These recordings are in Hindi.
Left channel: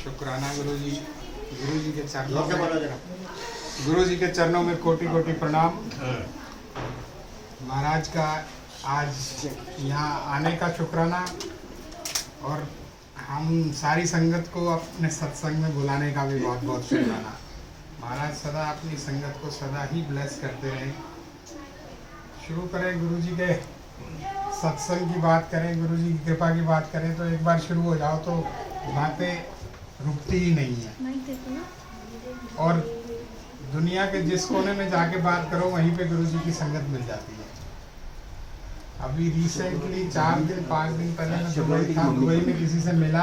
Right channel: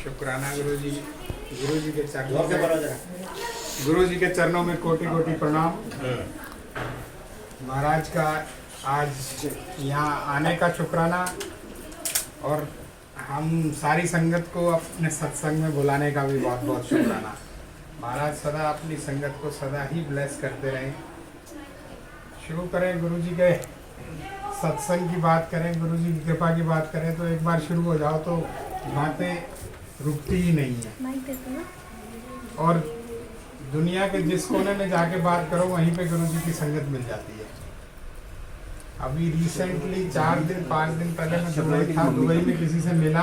शुक्राना गुरुजी। गुरुजी के चरणों में गुरुजी के चरणों में कोटि कोटि प्रणाम। महाराज का आज यहाँ आने का शुक्राना और हम सारी संगत को अपने सत्संग में बुलाने का भी बहुत बहुत शुक्राना। महाराज सदा अपनी संगत को सदा ही ब्लेस करते रहें। शुरू करें गुरुजी के सत्संग की बात करें, गुरुजी की कृपा की बात करें तो एक बार शुरू हो जाओ तो बातें रुकती ही नहीं है। और दुनिया के जिस कोने में जाके बात करो वहीं पे गुरुजी की संगत मिल जाती है। अभी रिसेंटली 4 दिन 5 दिन पहले मैं दुबई था, दुबई में किसी से मिला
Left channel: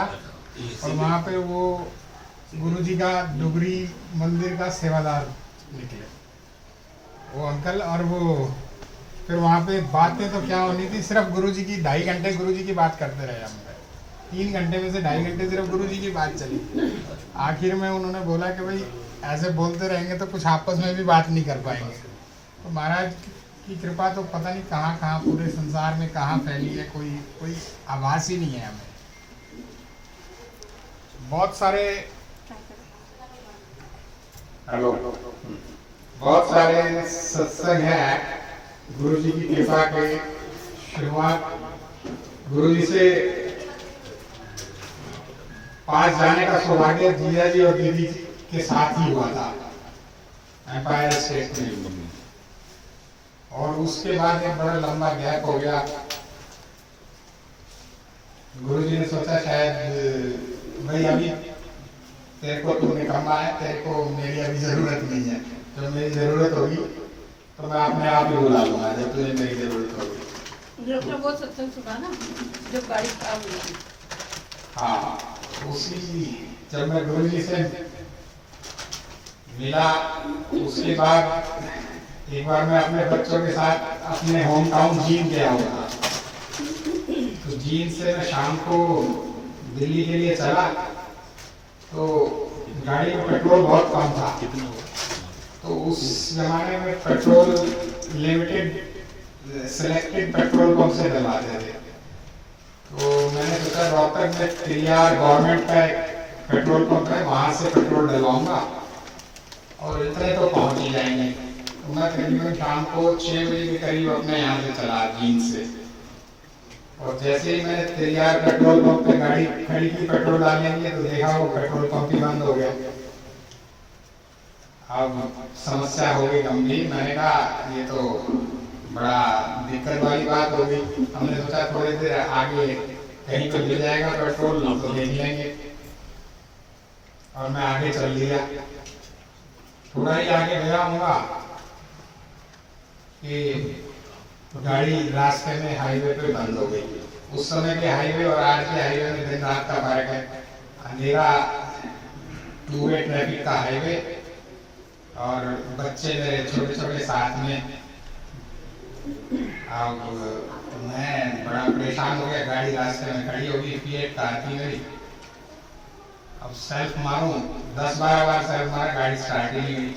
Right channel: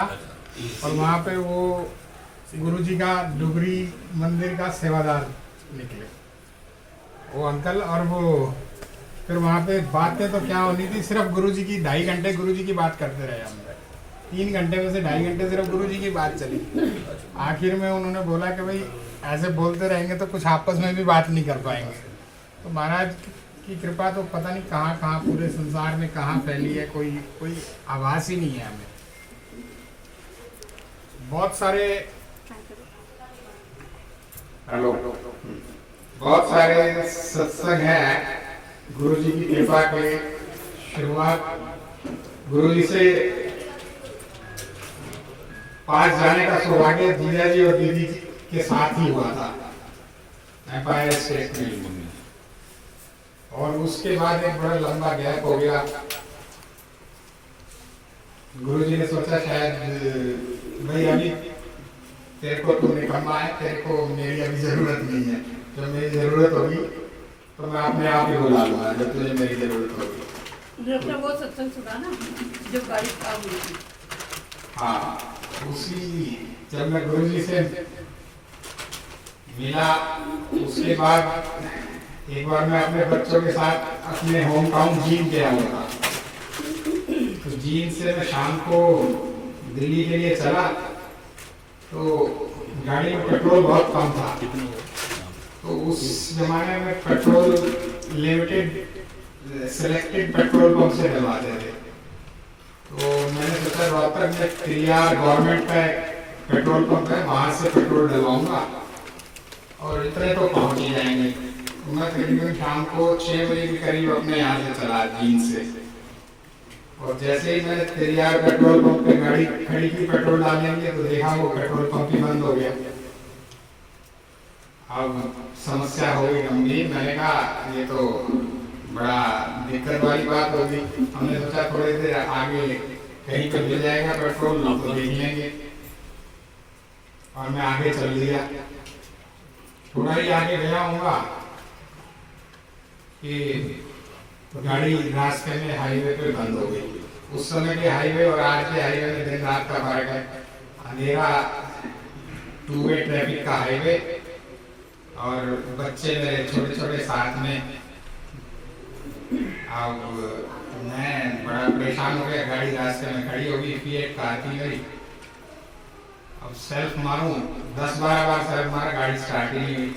और वहाँ पे वो गुरुजी का डुगरी मंदिर का सेवादार निकले वो अंकल। और वो फिर वहाँ पे बातें तो क्या होनी थी, सिर्फ गुरुजी की 2.5 घंटे गुरुजी की बात करते रहे हम। 3 घंटे में से 2.5 घंटे सिर्फ गुरुजी की बात चली। आखिर में उन्होंने बोला कि भाई ऐसे बोलते रहेंगे तो कुछ आपस में भी बात नहीं कर पाएंगे। तो महाराज की कृपा तो पता नहीं कहाँ कहाँ पूरे संसार में कहाँ फैली है, कोई आभास ही नहीं है हमें। बहुत सारे बहुत सारे सत्संग हैं गुरुजी की कृपा के। शुरुआत गुरुजी से पास जाने का सौभाग्य जीजा जी और दीदी के साथ ही हुआ था एम्पायर स्टेट में, और उसके बाद एक बड़ा लंबा गैप हो गया। गुरुजी ने सोचा शायद भाई अभी तेरे को तू निकम्मा है, तेरे को मेरी अभी जरूरत नहीं है, जब मेरी जरूरत होगी तो मैं अपने आप ही बुला लूंगा जब तुझे मेरी जरूरत होगी। वो सत्संग सुना ना जब बारिश काम हुई थी। हाँ, उसी जब मैं गुरुजी से मिला उसके बाद एक बार मैं अपने बच्चों के साथ अपने होम टाउन जींद गया हुआ। तो जींद से मैं शाम को दिल्ली के लिए चला तो गाड़ी में पेट्रोल बहुत कम था। तो उस जमाने में petrol limited selected petrol pump से डलवाते थे। तो मैंने सोचा रोहतक में तिरियार गवर्नमेंट का पेट्रोल पंप है, वहां से पेट्रोल डलवाऊंगा और इतने तो पहुंच ही जाएंगे। तो मैं तकरीबन शाम को 6 बजे के करीब अपने यहाँ से चला जींद से, और जैसे ही मैंने तिरियार पेट्रोल पंप पे गाड़ी खड़ी की पेट्रोल डालने के लिए तो देखा वो पेट्रोल पंप ही बंद हो गया। अब समस्या हो गई गंभीर। मैंने कहा ये तो बड़ा दिक्कत वाली बात होगी। हमने सोचा थोड़ी देर आगे कहीं तो मिल जाएगा पेट्रोल तो देख लेंगे, और मैं आगे चल लिया। थोड़ा ही आगे गया होगा कि गाड़ी रास्ते में हाईवे पे बंद हो गई। उस समय के हाईवे और आज के हाईवे में दिन रात का फर्क है। अंधेरा 2 वे ट्रैफिक का हाईवे, और बच्चे मेरे छोटे छोटे साथ में। अब मैं बड़ा परेशान हो गया, गाड़ी रास्ते में खड़ी होगी, फिएट कार थी मेरी। अब सेल्फ मारूं 10-12 बार सेल्फ मारा, गाड़ी स्टार्ट ही नहीं हुई।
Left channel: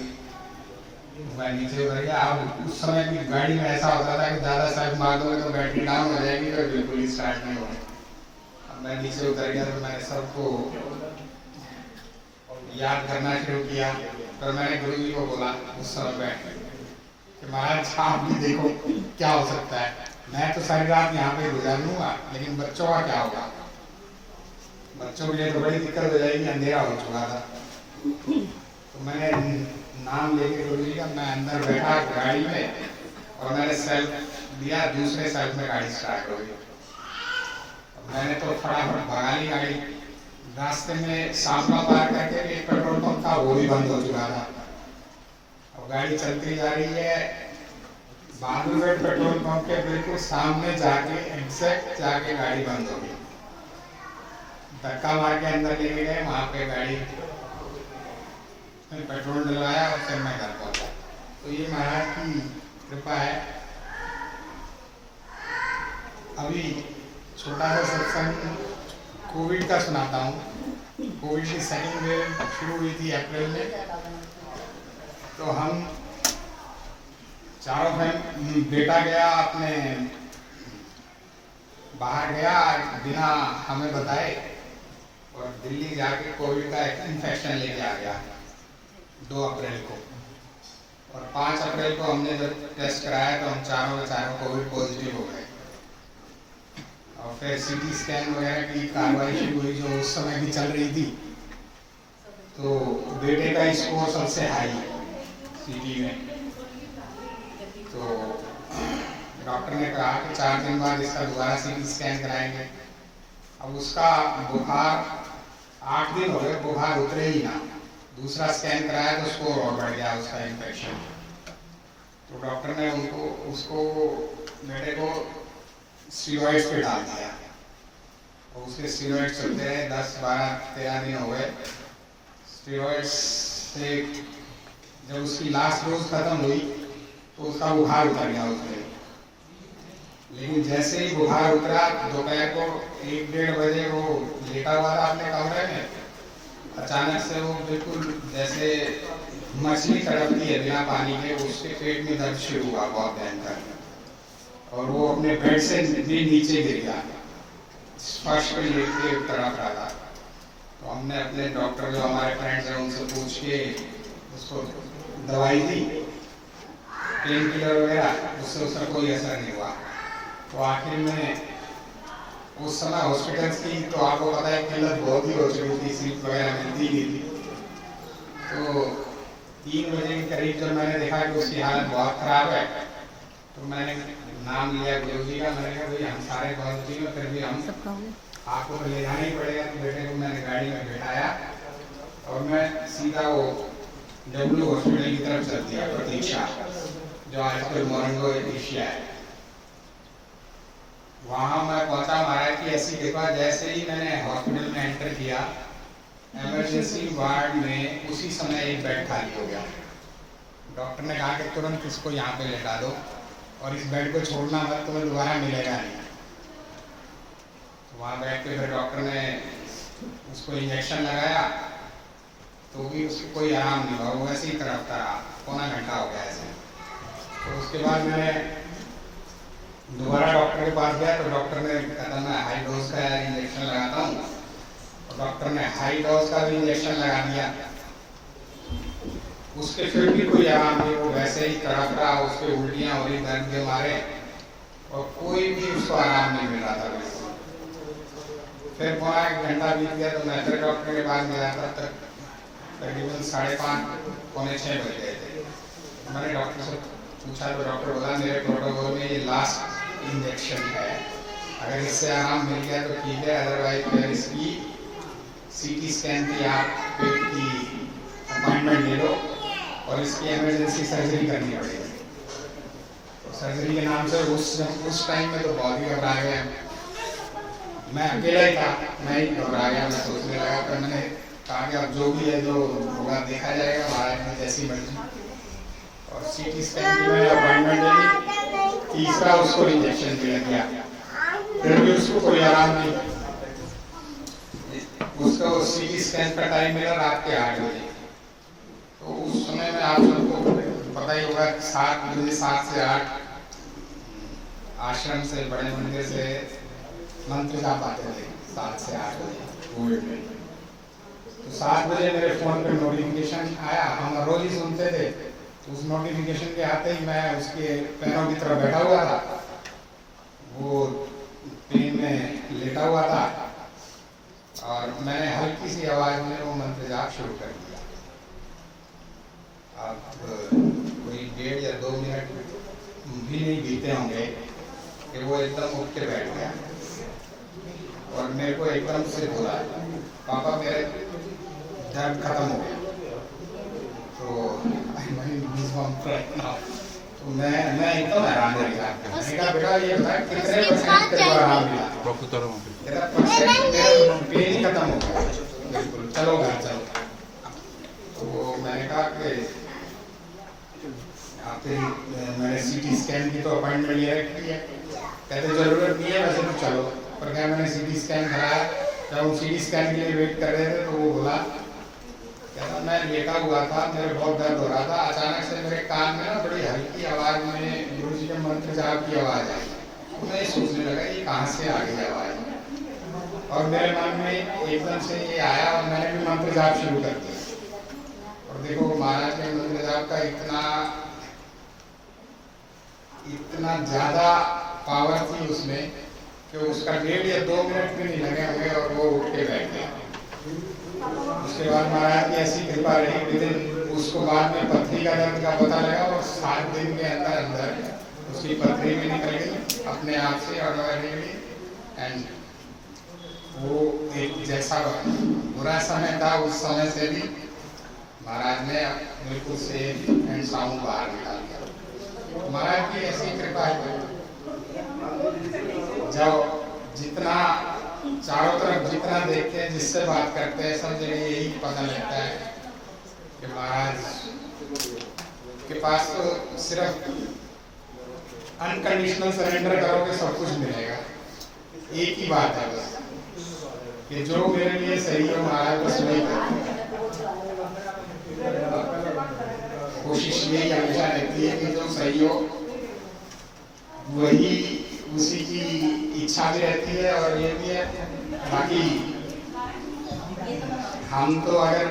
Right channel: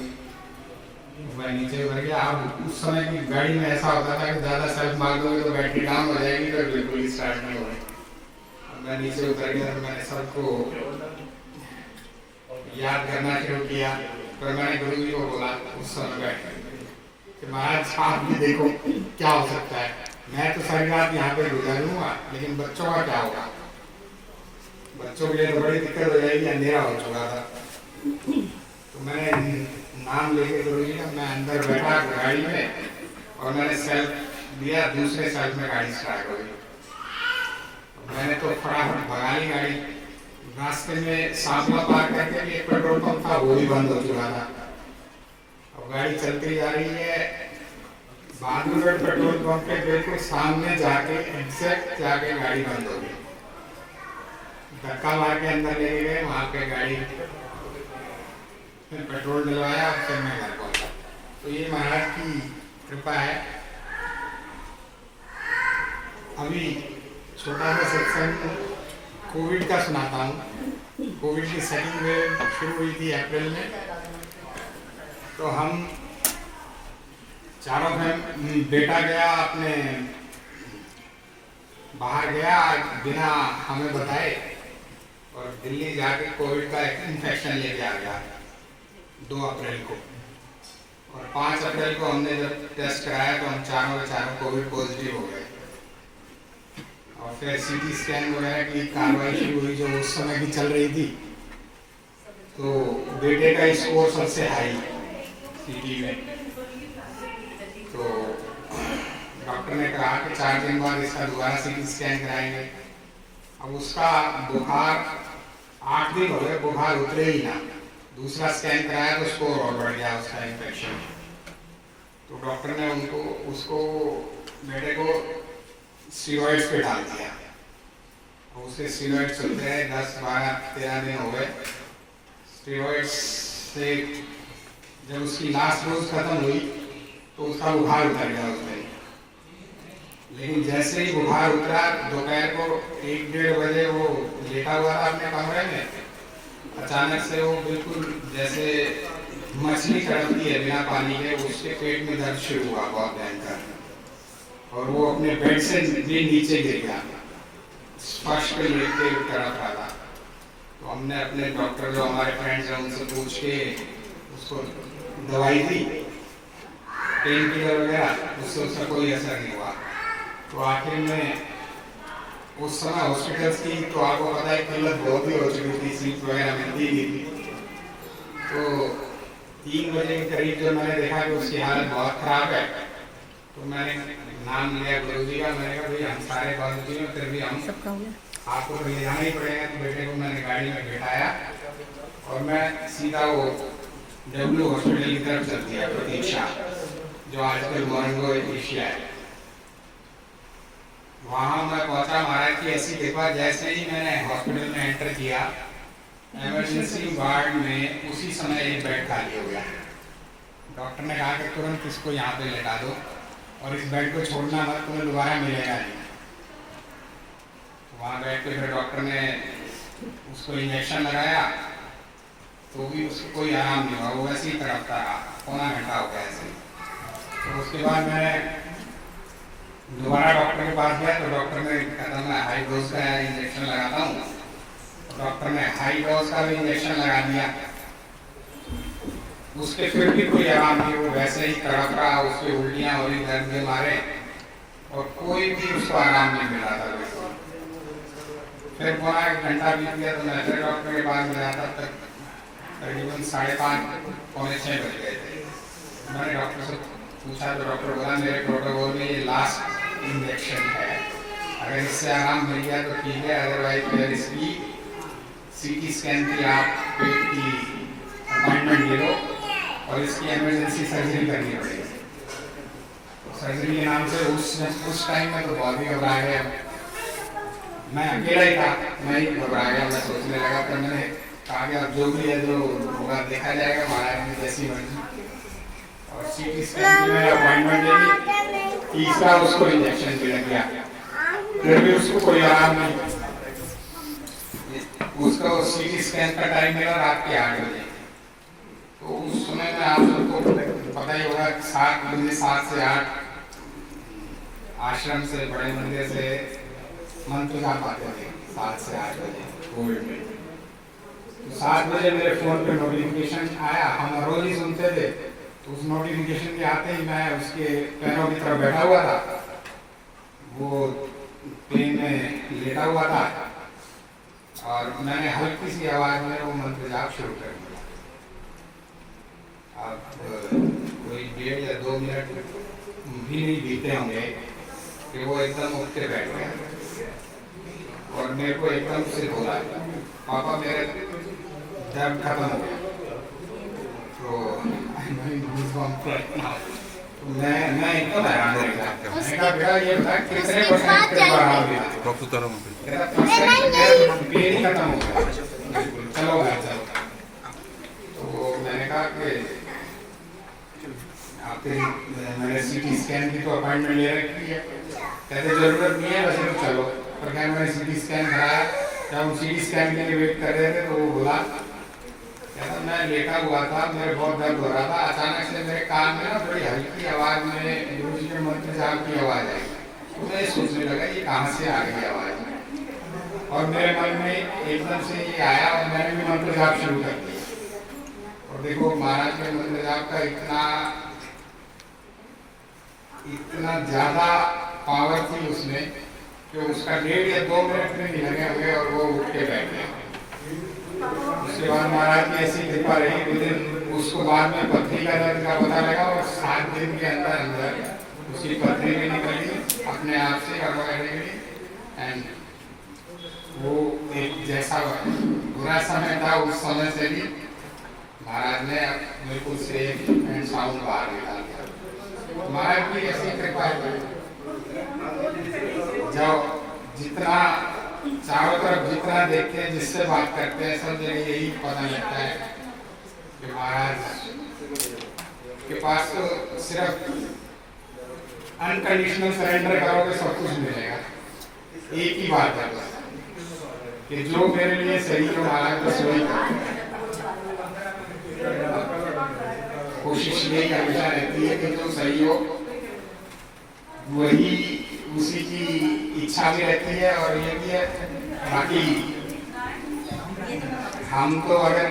मैं नीचे उतर गया। अब उस समय की गाड़ी में ऐसा होता था कि ज़्यादा सेल्फ मार दोगे तो बैटरी डाउन हो जाएगी, तो बिल्कुल स्टार्ट नहीं होगी। अब मैं नीचे उतर गया तो मैंने सबको याद करना शुरू किया। पर मैंने गुरुजी को बोला उस समय बैठ कि महाराज आप भी देखो क्या हो सकता है। मैं तो सारी रात यहाँ पे गुजार लूँगा, लेकिन बच्चों का क्या होगा। बच्चों के लिए तो बड़ी दिक्कत हो जाएगी, अंधेरा हो चुका था। तो मैंने नाम लेके गुरुजी का मैं अंदर बैठा गाड़ी में, और मैंने सेल्फ दिया, दूसरे सेल्फ में गाड़ी स्टार्ट हो गई। मैंने तो फटाफट भगा ली गाड़ी। रास्ते में सामना पार करके एक पेट्रोल पंप था, वो भी बंद हो चुका था। अब गाड़ी चलती जा रही है, बहादुरगढ़ पेट्रोल पंप के बिल्कुल सामने जाके एग्जैक्ट जाके गाड़ी बंद हो गई। धक्का मार के अंदर लेके गए, वहां पे गाड़ी फिर पेट्रोल डलवाया और फिर मैं घर पहुंचा। तो ये महाराज की कृपा है। अभी छोटा सा सत्संग कोविड का सुनाता हूँ। कोविड की सेकंड वेव शुरू हुई थी अप्रैल में। तो हम चारों बहन, बेटा गया अपने बाहर गया बिना हमें बताए, और दिल्ली जाके कोविड का इन्फेक्शन लेके आ गया 2 अप्रैल को। और 5 अप्रैल को हमने जब टेस्ट कराया तो हम चारों के चारों कोविड पॉजिटिव हो गए। और फिर सीटी स्कैन वगैरह की कार्रवाई शुरू हुई जो उस समय की चल रही थी। तो बेटे का स्कोर सबसे हाई सीटी में। तो डॉक्टर ने कहा कि 4 दिन बाद इसका दोबारा सीटी स्कैन कराएंगे। अब उसका बुखार 8 दिन हो गए, बुखार उतरे ही ना। दूसरा स्कैन कराया तो स्कोर और बढ़ गया उसका इन्फेक्शन। तो डॉक्टर ने उसको बेटे को स्टीरॉइड्स पे डाल दिया और उसके स्टीरॉइड चलते रहे 10, 12, 13 दिन हो गए। स्टीरॉइड्स से जब उसकी लास्ट डोज खत्म हुई तो उसका बुखार उतर गया उसमें। लेकिन जैसे ही बुखार उतरा दोपहर को 1-1:30 बजे वो लेटा हुआ था अपने कमरे में, अचानक से वो बिल्कुल जैसे मछली तड़पती है बिना पानी के, उसके पेट में दर्द शुरू हुआ बहुत भयंकर। और वो अपने बेड से भी नीचे गिर गया, फर्श पे लेट के तड़प रहा था। तो हमने अपने डॉक्टर जो हमारे फ्रेंड्स हैं उनसे पूछ के उसको दवाई दी, पेन किलर वगैरह, उससे उसका कोई असर नहीं हुआ। तो आखिर में उस समय हॉस्पिटल्स की तो आपको पता है किल्लत बहुत ही हो चुकी थी, सीट वगैरह मिलती नहीं थी। तो 3 बजे के करीब जब मैंने देखा कि उसकी हालत बहुत खराब है तो मैंने नाम लिया गुरुजी का। मैंने कहा भाई हम सारे गुरुजी में फिर भी हम आपको तो ले जाना ही पड़ेगा। तो बेटे को मैंने गाड़ी में बिठाया और मैं सीधा वो डब्ल्यू हॉस्पिटल की तरफ चल दिया, प्रतीक्षा जो आजकल मोरंगो एशिया है। वहाँ मैं पहुँचा, महाराज की ऐसी देखा जैसे ही मैंने हॉस्पिटल में एंटर किया, इमरजेंसी वार्ड में उसी समय एक बेड खाली हो गया। डॉक्टर ने कहा कि तुरंत इसको यहाँ पे लेटा दो और इस बेड को छोड़ना मत, तुम्हें दोबारा मिलेगा नहीं। वहाँ बैठ के फिर डॉक्टर ने उसको इंजेक्शन लगाया तो भी उसको कोई आराम नहीं हुआ, वो वैसे ही तड़पता रहा, पौना घंटा हो गया ऐसे। तो उसके बाद मैं दोबारा डॉक्टर के पास गया तो डॉक्टर ने कहा मैं हाई डोज का इंजेक्शन लगाता हूँ। डॉक्टर ने हाई डोज का भी इंजेक्शन लगा दिया, उसके फिर भी कोई आराम नहीं, वो वैसे ही तड़प रहा, उसके उल्टियाँ हो रही दर्द के मारे और कोई भी उसको आराम नहीं मिला था। फिर पूरा 1 घंटा बीत गया तो मैं फिर डॉक्टर के पास गया, तब तक तकरीबन 5:30 पौने 6 बज गए थे। मैंने डॉक्टर से पूछा तो डॉक्टर बोला मेरे प्रोटोकॉल में ये लास्ट इंजेक्शन है, अगर इससे आराम मिल गया तो ठीक है, अदरवाइज फिर इसकी सीटी स्कैन की आप पेट की अपॉइंटमेंट ले लो और इसकी इमरजेंसी सर्जरी करनी पड़ेगी। तो सर्जरी के नाम से उस टाइम में तो बहुत ही घबरा गया, मैं अकेला ही था, मैं ही घबरा गया। मैं सोचने लगा, फिर मैंने कहा कि अब जो भी है जो होगा देखा जाएगा, महाराज की जैसी मर्जी। और सीटी स्कैन की मैं अपॉइंटमेंट ले ली, तीसरा उसको इंजेक्शन दिया गया, फिर भी उसको कोई आराम नहीं। उसको सीटी स्कैन का टाइम मिला रात के 8 बजे। तो उस समय में आप सबको पता ही होगा 7 बजे 7 से 8 आश्रम से बड़े मंदिर से मंत्र जाप आते थे 7 से 8 बजे कोविड में। तो 7 बजे मेरे फोन पे नोटिफिकेशन आया, हम रोज ही सुनते थे। तो उस नोटिफिकेशन के आते ही मैं उसके पैरों की तरफ बैठा हुआ था, वो पेन में लेटा हुआ था और मैंने हल्की सी आवाज में वो मंत्र जाप शुरू कर दिया। अब कोई 1.5 या 2 मिनट भी नहीं बीते होंगे कि वो एकदम उठ के बैठ गया और मेरे को एकदम से बोला पापा मेरे दर्द खत्म हो गया। तो मैं एकदम हैरान रह गया। मैंने कहा बेटा ये बता कितने % तेरे को आराम मिला? मेरा पेन खत्म हो गया, चलो घर चलो। तो मैंने कहा कि मैंने सीटी स्कैन की तो अपॉइंटमेंट ले रखी है, कहते जरूरत नहीं है वैसे तो चलो। पर क्या मैंने सीटी स्कैन कराया, जब हम सीटी स्कैन के लिए वेट कर रहे थे तो वो बोला, कहता मैं लेटा हुआ था, मेरे बहुत दर्द हो रहा था, अचानक से मेरे कान में ना बड़ी हल्की आवाज में गुरुजी के मंत्र जाप की आवाज आई। तो मैं सोचने लगा ये कहाँ से आ गई आवाज। और मेरे मन में एकदम से ये आया और मैंने भी मंत्र जाप शुरू कर दिया। और देखो महाराज के मंत्र जाप का इतना ज्यादा पावर थी उसमें कि उसका 1.5 या 2 मिनट में नहीं लगे हमें और वो उठ के बैठ गए। उसके बाद महाराज की ऐसी कृपा रही, विदिन उसको बाद में पथरी का दर्द का पता लगा और 7 दिन के अंदर उसकी पथरी भी निकल गई अपने आप से ऑटोमेटिकली। एंड वो एक जैसा बुरा समय था उस समय से भी महाराज ने बिल्कुल सेफ एंड साउंड बाहर निकाल दिया। महाराज की ऐसी कृपा है। जब जितना चारों तरफ जितना देखते हैं, जिससे बात करते हैं, सब जगह यही पता लगता है कि महाराज के पास तो सिर्फ अनकंडीशनल सरेंडर करोगे सब कुछ मिलेगा। एक ही बात है बस कि जो मेरे लिए सही है महाराज बस वही करो। कोशिश यही हमेशा रहती है कि जो सही हो वही, उसी की इच्छा भी रहती है। और ये भी है बाकी हम तो अगर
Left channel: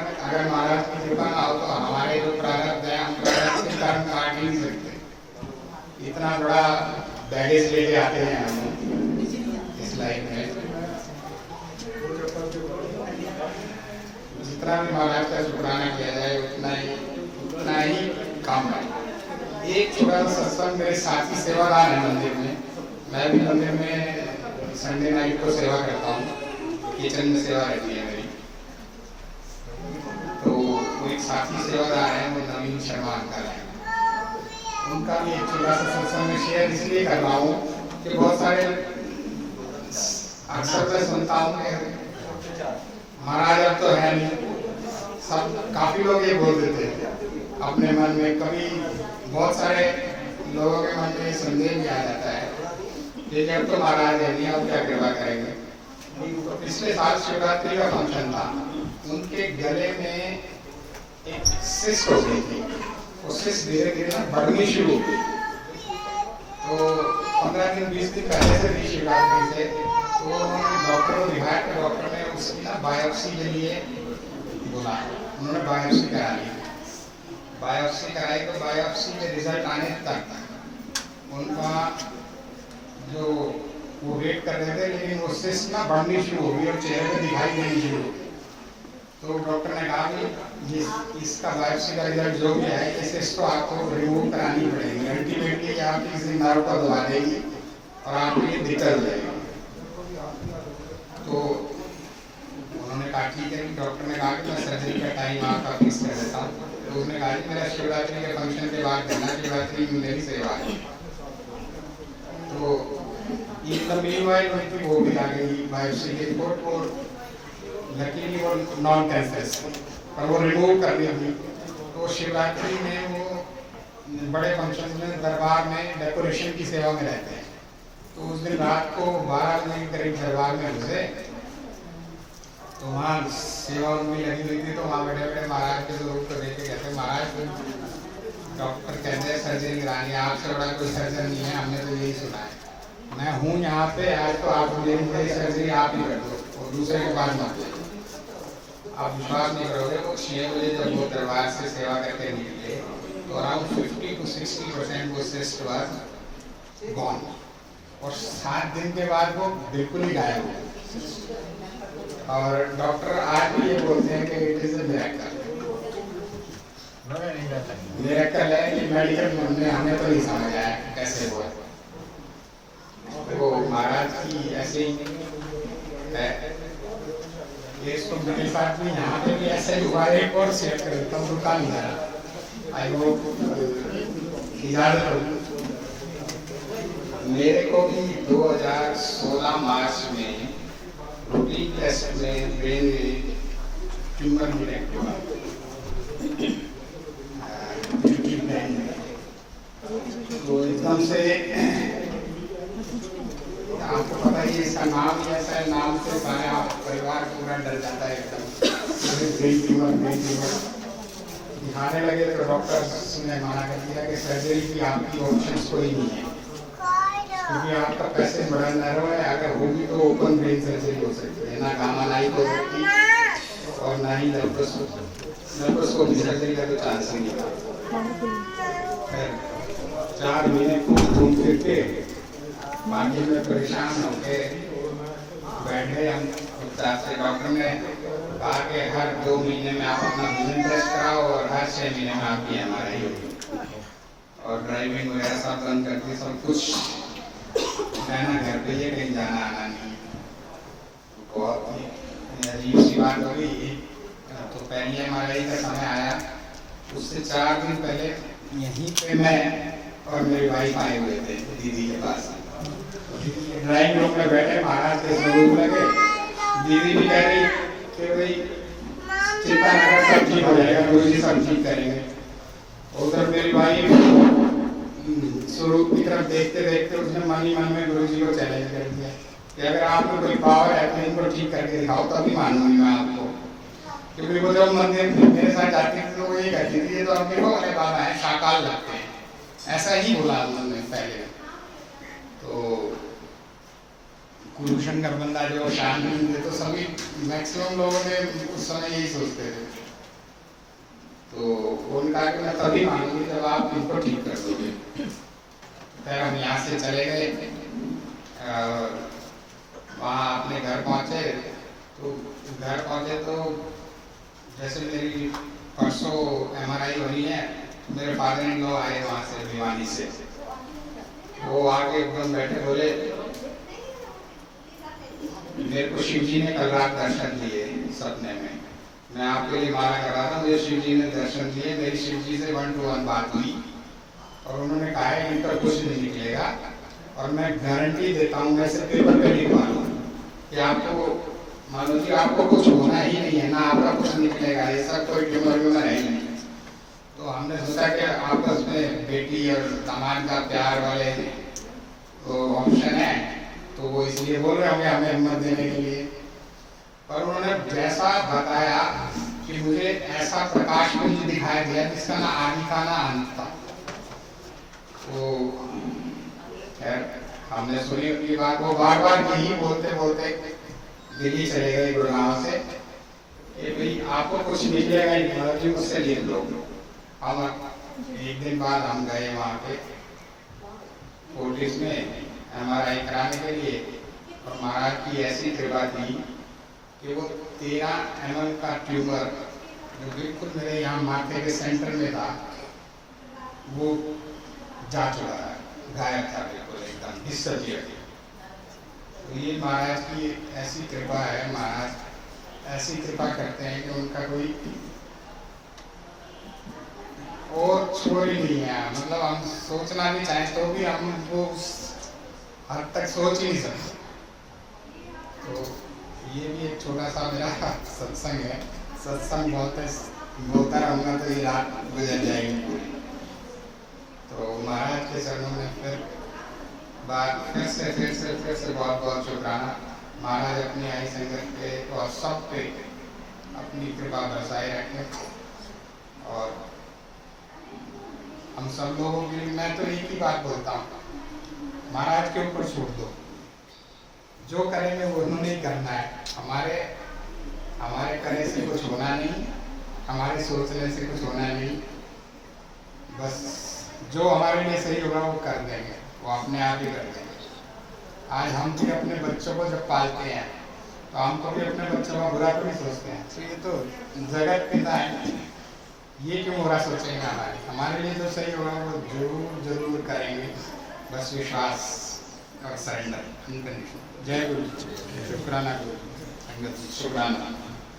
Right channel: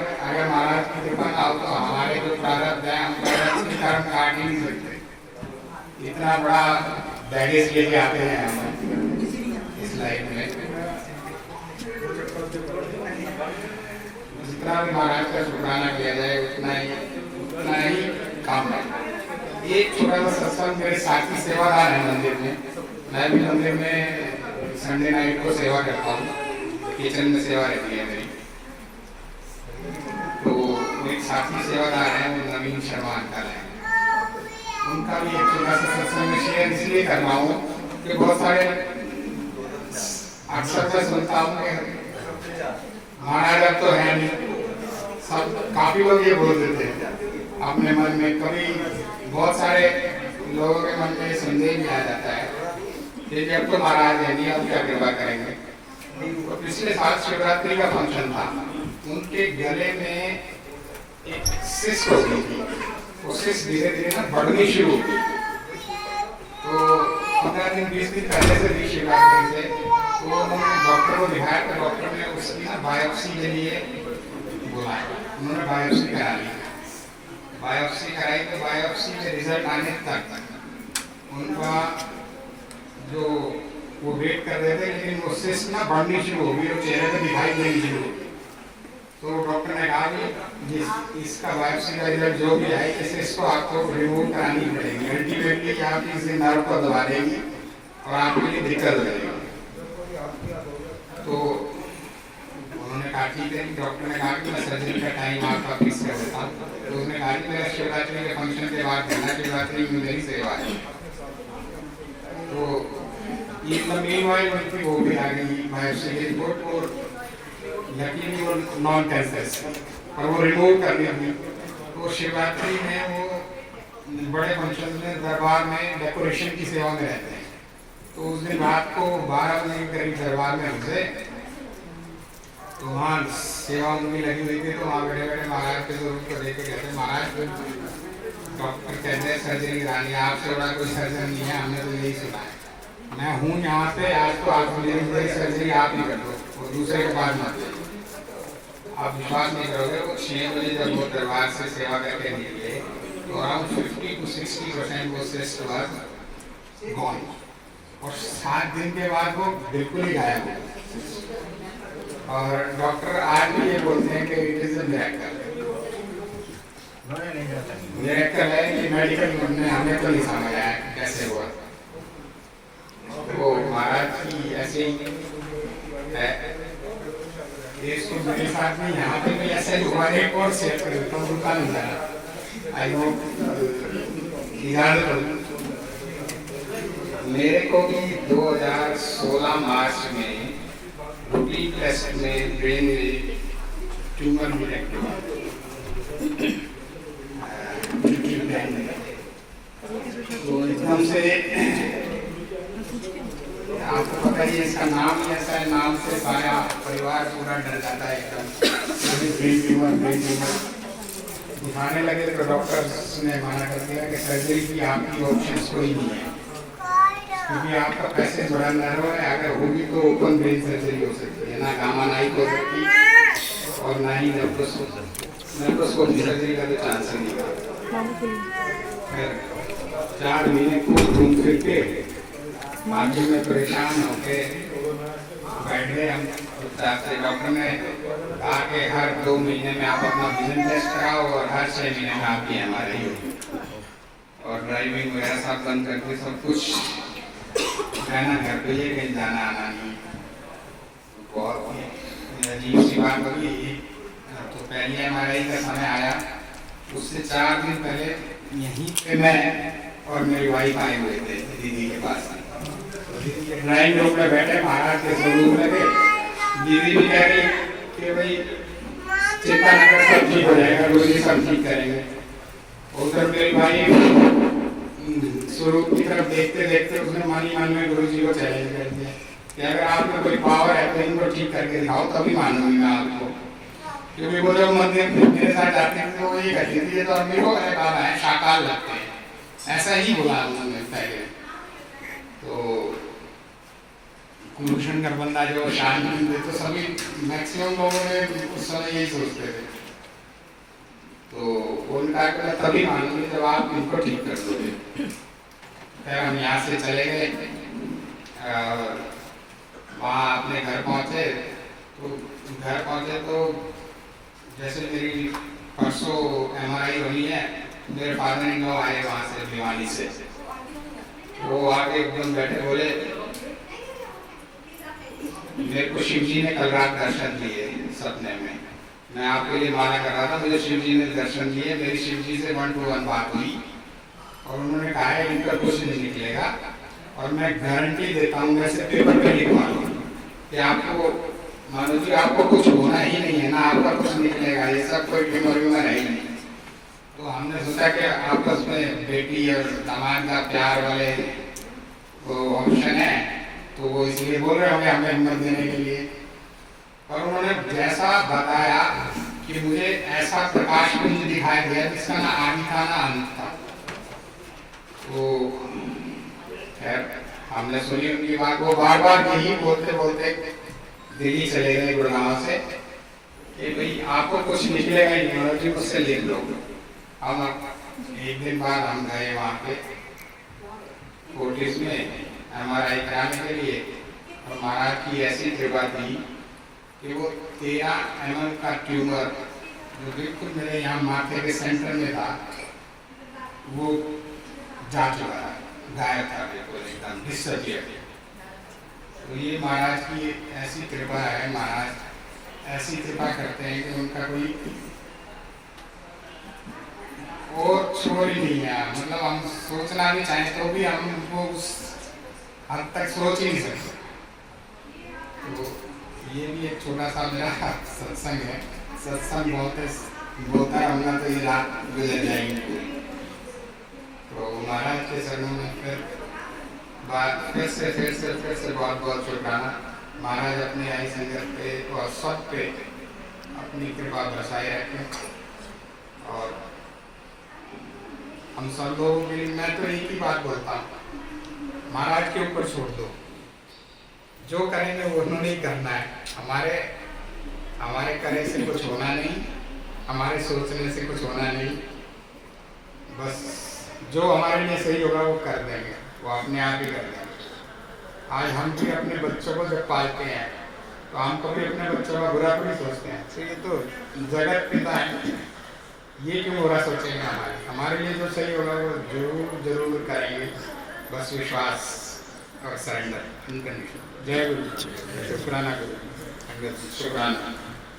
महाराज की कृपा ना हो तो हमारे जो प्रारब्ध है हम प्रारब्ध के कारण काट ही नहीं सकते। इतना बड़ा बैगेज लेके आते हैं हम इस लाइफ में। जितना भी महाराज का शुक्राना किया जाए उतना ही काम है। एक छोटा सा सत्संग, मेरे साथी सेवादार है मंदिर में, मैं भी मंदिर में संडे नाइट को सेवा करता हूँ, किचन में सेवा रहती है मेरी। तो एक साथी सेवादार है, वो नवीन शर्मा अंकल है, उनका भी एक छोटा सा सत्संग में शेयर इसलिए कर रहा हूँ कि बहुत सारे अक्सर मैं सुनता हूँ कि महाराज अब तो है नहीं, सब काफी लोग ये बोल देते हैं अपने मन में। कभी बहुत सारे लोगों के मन में संदेह भी आ जाता है कि जब तो महाराज है नहीं, अब क्या कृपा करेंगे। तो पिछले साल शिवरात्रि का फंक्शन था, उनके गले में एक सिस्ट हो गई थी। वो सिस्ट धीरे धीरे ना बढ़नी शुरू हुई। तो 15 दिन 20 दिन पहले से भी शिवरात्रि से तो उन्होंने डॉक्टर को दिखाया, तो डॉक्टर ने उसकी ना बायोप्सी के लिए बोला। उन्होंने बायोप्सी करा ली। बायोप्सी कराई तो बायोप्सी में रिजल्ट आने तक उनका जो वो वेट कर रहे थे, लेकिन वो सिस्ट ना बढ़नी शुरू हो गई और चेहरे पे दिखाई देनी शुरू हो गई। तो डॉक्टर ने कहा कि इसका बायोप्सी का रिजल्ट जो भी है, इस सिस्ट को आपको रिमूव करानी पड़ेगी। अल्टीमेटली आपकी इस नर्व को दबा देगी और आपके लिए दिक्कत हो जाएगी। तो उन्होंने कहा ठीक है। डॉक्टर ने कहा कि मैं सर्जरी का टाइम आपका फिक्स कर देता हूँ। तो उसने कहा कि मेरा शिवरात्रि के फंक्शन के बाद करना, शिवरात्रि में मेरी सेवा है। तो ये मीनवाइल उनकी वो भी आ गई बायोप्सी की रिपोर्ट, और लकीली वो नॉन कैंसर और वो रिमूव करनी थी। तो शिवरात्रि में वो बड़े फंक्शन में दरबार में डेकोरेशन की सेवा में रहते हैं। तो उस दिन रात को 12 बजे के करीब दरबार में उतरे, तो वहाँ सेवा उनकी लगी हुई थी। तो वहाँ बैठे बैठे महाराज के स्वरूप को देख के कहते महाराज डॉक्टर कहते हैं सर्जरी करानी, आपसे बड़ा कोई सर्जन नहीं है, हमने तो यही सुना है। मैं हूँ यहाँ पे, आज तो आप मेरी सर्जरी आप ही कर दो और दूसरे के पास मत। आप विश्वास नहीं करोगे, वो 6 बजे जब वो दरबार से सेवा करके निकले तो अराउंड 50 to 60% वो सिस्ट वाज गॉन, और 7 दिन के बाद वो बिल्कुल ही गायब हो गया। और डॉक्टर आज भी ये बोलते हैं कि it is a miracle. Miracle है कि मेडिकल में हमें तो नहीं समझ आया कैसे हुआ। वो महाराज की ऐसे ही है। इसको मेरे साथ में यहाँ पे भी ऐसे ही हुआ। एक और शेयर कर देता हूँ, दुकान जरा आई होप इजाजत हो। मेरे को भी 2016 मार्च में रूटीन टेस्ट में ब्रेन में ट्यूमर डिटेक्ट हुआ। तो एकदम से आपको पता ही इसका नाम ही ऐसा है, नाम से सारा परिवार पूरा डर जाता है एकदम। ब्रेन ट्यूमर दिखाने लगे तो डॉक्टर्स ने मना कर दिया कि सर्जरी की आपकी ऑप्शंस कोई नहीं है। क्योंकि आपका पैसेज बड़ा नैरो है, अगर होगी तो ओपन ब्रेन सर्जरी हो सकती है, ना गामा नाइक हो सकती और ना ही लेप्रोस्कोपी सर्जरी का तो चांस ही नहीं है। 4 महीने घूम फिर के बाकी में परेशान होके बैठ गए हम। से डॉक्टर ने कहा कि हर 2 महीने में आप अपना विजन टेस्ट कराओ और हर 6 महीने में आपकी MRI होगी और ड्राइविंग वगैरह सब बंद करके सब कुछ रहना घर पे ही, कहीं जाना आना नहीं। तो बहुत ही अजीब सी बात होगी। तो पहली MRI का समय आया, उससे 4 दिन पहले यहीं पे मैं और मेरी वाइफ आए हुए थे दीदी के पास। ड्राइंग रूम में बैठे, महाराज के स्वरूप लगे। दीदी भी कह रही कि भाई चिंता न कर, सब ठीक हो जाएगा, गुरु जी सब ठीक करेंगे। उधर मेरी भाई स्वरूप की तरफ देखते देखते उसने मन ही मन में गुरु जी को चैलेंज कर दिया कि अगर आप में कोई पावर है तो इनको ठीक करके दिखाओ, तभी मानूंगी मैं आपको। क्योंकि वो जब मंदिर मेरे साथ जाती थी तो वो ये कहती थी ये तो अपने को मेरे बाबा है, साकार लगते हैं, ऐसा ही बोला उन्होंने पहले। तो कुलभूषण बंदा जो शांत थे तो सभी मैक्सिमम लोगों ने उस समय यही सोचते थे। तो उनका तभी मानूंगी जब आप इनको ठीक कर दोगे। फिर हम यहाँ से चले गए, वहाँ अपने घर पहुँचे। तो जैसे मेरी परसों MRI होनी है, मेरे फादर इन लॉ आए वहाँ से भिवानी से। वो आके एकदम बैठे बोले मेरे को शिव जी ने कल रात दर्शन दिए सपने में, मैं आपके लिए माला कर रहा था, मुझे शिव जी ने दर्शन दिए। मेरी शिव जी से 1 to 1 बात हुई और उन्होंने कहा है इनका कुछ नहीं निकलेगा और मैं गारंटी देता हूँ, मैं इसे पेपर पे लिखवा दूँ कि आपको मानो जी आपको कुछ होना ही नहीं है, ना आपका कुछ निकलेगा, ये सब कोई ट्यूमर है ही नहीं। तो हमने सोचा कि आपस में बेटी और दामाद का प्यार वाले तो ऑप्शन है, तो वो इसलिए बोल रहे होंगे हमें हिम्मत देने के लिए। पर उन्होंने जैसा बताया कि मुझे ऐसा प्रकाश पुंज दिखाई दिया जिसका ना आदि था ना अंत था। तो खैर हमने सुनी उनकी बात, वो बार बार यही बोलते बोलते दिल्ली चले गए गुड़गांव से कि भाई आपको कुछ निकलेगा ही नहीं, जी मुझसे लिख लो। हम एक दिन बाद हम गए वहाँ पे फोर्टिस में MRI कराने के लिए और महाराज की ऐसी कृपा थी कि वो 13 mm का ट्यूमर जो बिल्कुल मेरे यहाँ माथे के सेंटर में था वो जा चुका है, गायब था बिल्कुल, एकदम डिसअपियर। तो ये महाराज की ऐसी कृपा है, महाराज ऐसी कृपा करते हैं कि उनका कोई और छोर ही नहीं है। मतलब हम सोचना भी चाहें तो भी हम वो उस हद तक सोच ही नहीं सकते। तो ये भी एक छोटा सा मेरा सत्संग है। सत्संग बोलता रहूँगा तो ये रात गुजर जाएगी पूरी। तो महाराज के चरणों में फिर से बहुत बहुत शुक्राना। महाराज अपने आई संगत पे और सब पे अपनी कृपा बरसाए रखें और हम सब लोगों के लिए मैं तो एक ही बात बोलता हूँ, महाराज के ऊपर छोड़ दो, जो करेंगे वो उन्होंने ही करना है। हमारे करे से कुछ होना नहीं, हमारे सोचने से कुछ होना नहीं, बस जो हमारे लिए सही होगा वो कर देंगे, वो अपने आप ही कर देंगे। आज हम भी अपने बच्चों को जब पालते हैं तो हम तो भी अपने बच्चों का बुरा थोड़ी सोचते हैं, तो ये तो जगत पिता है, ये क्यों बुरा सोचेंगे। हमारे लिए जो सही होगा वो जरूर करेंगे, बस विश्वास और सरेंडर, अनकंडीशनल। जय गुरु, शुक्राना गुरु, शुक्राना।